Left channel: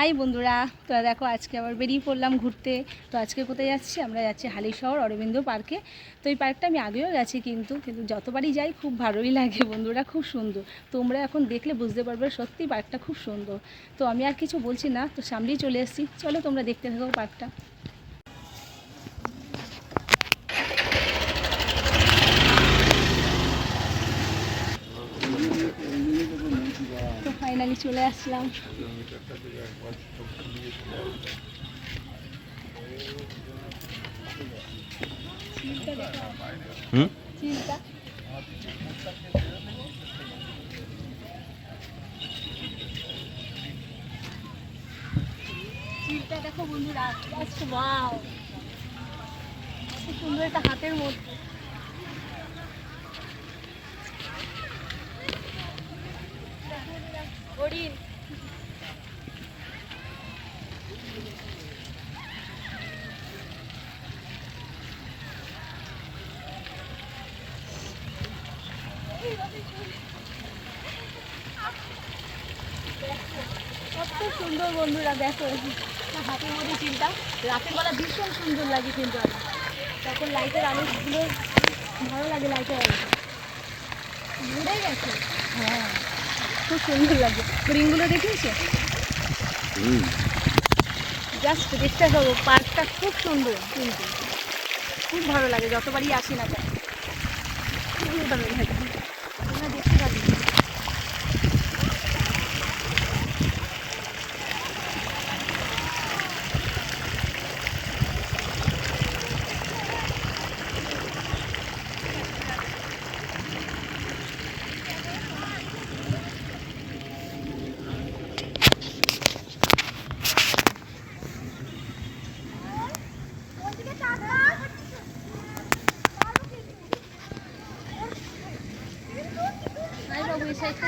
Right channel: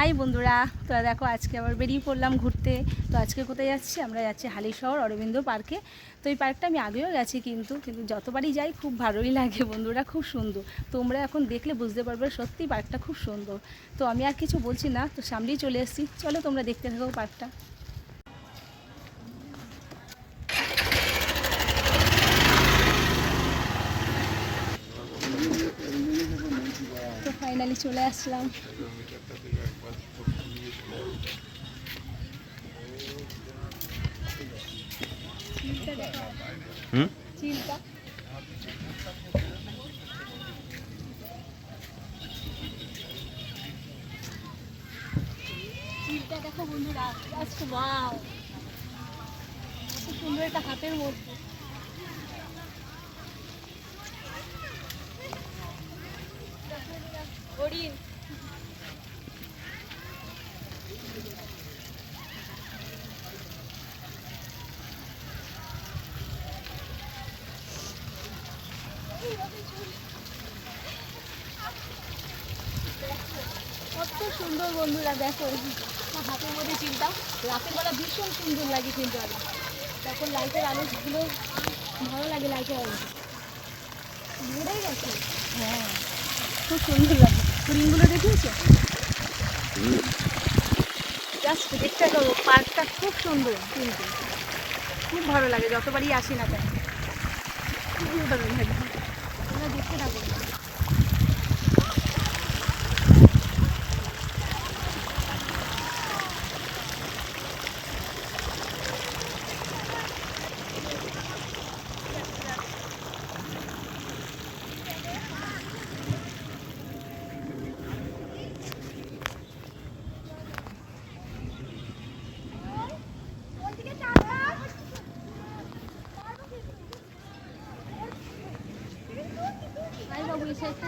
High বন্ধুরা তো দেখো আজকে আবার বেরিয়ে পড়লাম ঘুরতে। তো আজকে কোথায় যাচ্ছি? আমরা যাচ্ছি হালিশহর অরবিন্দ পার্কে। তো এই পার্কটা আমি আগেও গেছি কিন্তু কিন্তু যতবারই যাই খুব ভালোই লাগে বন্ধুরা, খুব সুন্দর। তোমরা এখন দেখলে বুঝতে পারবে সত্যি পার্কটা খুব সুন্দর। তো আমি আর কিছু বলছি না, তো সামনেই চলে এসেছি। চলো তোমরা দেখতে থাকো পার্কটা। ফাইনালি চলে আসলাম। হুম দেখো বন্ধুরা সুন্দর একটা হাতের মধ্যে। সুন্দর বন্ধুরা দেখো হাতের মধ্যে চিন্তা রাতের বেলা ভীষণ সুন্দর লাগে কিন্তু আর। তখন লাইটের আলোগুলো ভালো লাগে লাইটের আলো ঘুরে গেছে। হ্যাঁ খুব সুন্দর লাগে। হরিণগুলো দেখিয়েছো? জাস্ট দেখতে পাবো পার্কটা খুব সুন্দর কিন্তু। খুব ভালো লাগে যতবারই আসি না কেন। ভালো লাগে আমরা দেখতে থাকি আই বাবু এই সাইডটা যাই আয়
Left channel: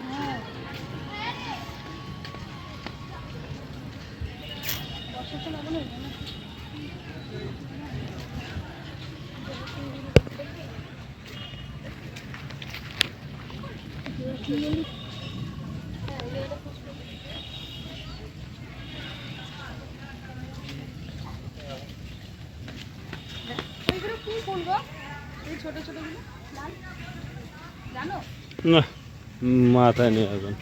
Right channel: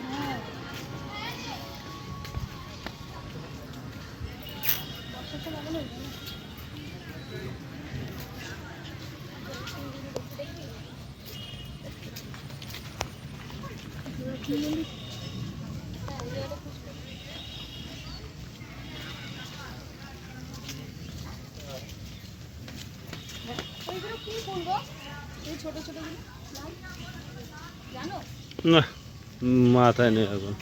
মাথায় নেই এখন।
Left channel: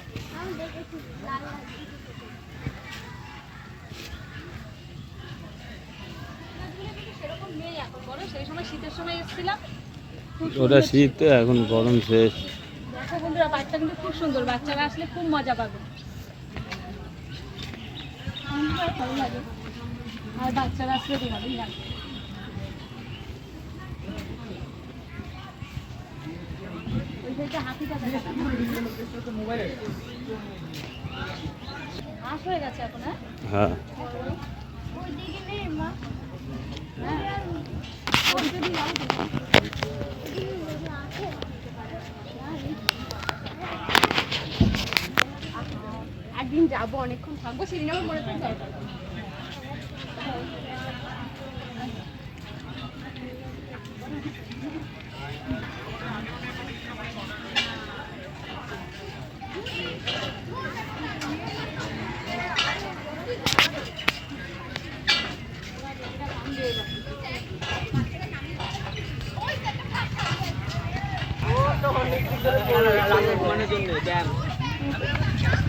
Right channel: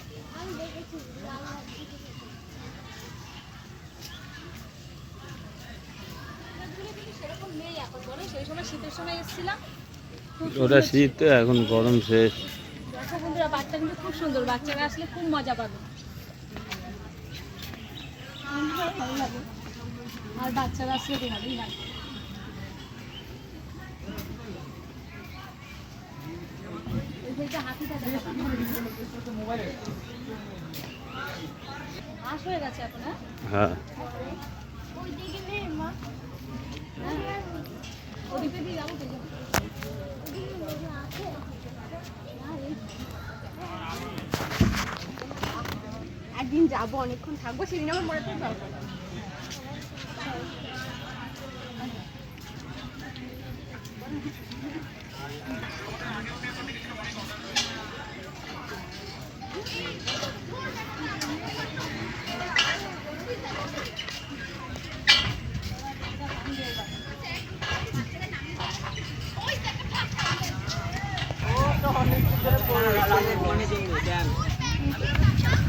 ওটা শীত এখন গরম শেষ। বন্ধুরা বাচ্চা কিন্তু খুব সুন্দর বাচ্চারা আসলে খুব মজা পাবে। ভালো লাগে। আর বাচ্চারা আসলে তো ভালোই লাগে। ওই সাইডটা হাতিটা দেখা যায়। ঘাস হয়ে গেছে এখন হ্যাঁ? হ্যাঁ। ওই দিকে নেই মা। হ্যাঁ। ওই দিকে যাব তো। ওইদিকে লোক আছে একদিন যাব অনেকক্ষণ থাকব সেদিন আমার মনে পড়ে দরকার ছোটা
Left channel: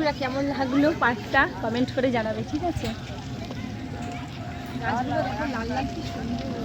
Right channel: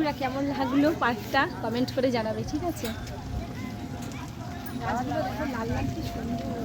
বন্ধুরা কেমন লাগল পার্কটা? কমেন্ট করে জানাবে ঠিক আছে? লাল লাল কি সুন্দর।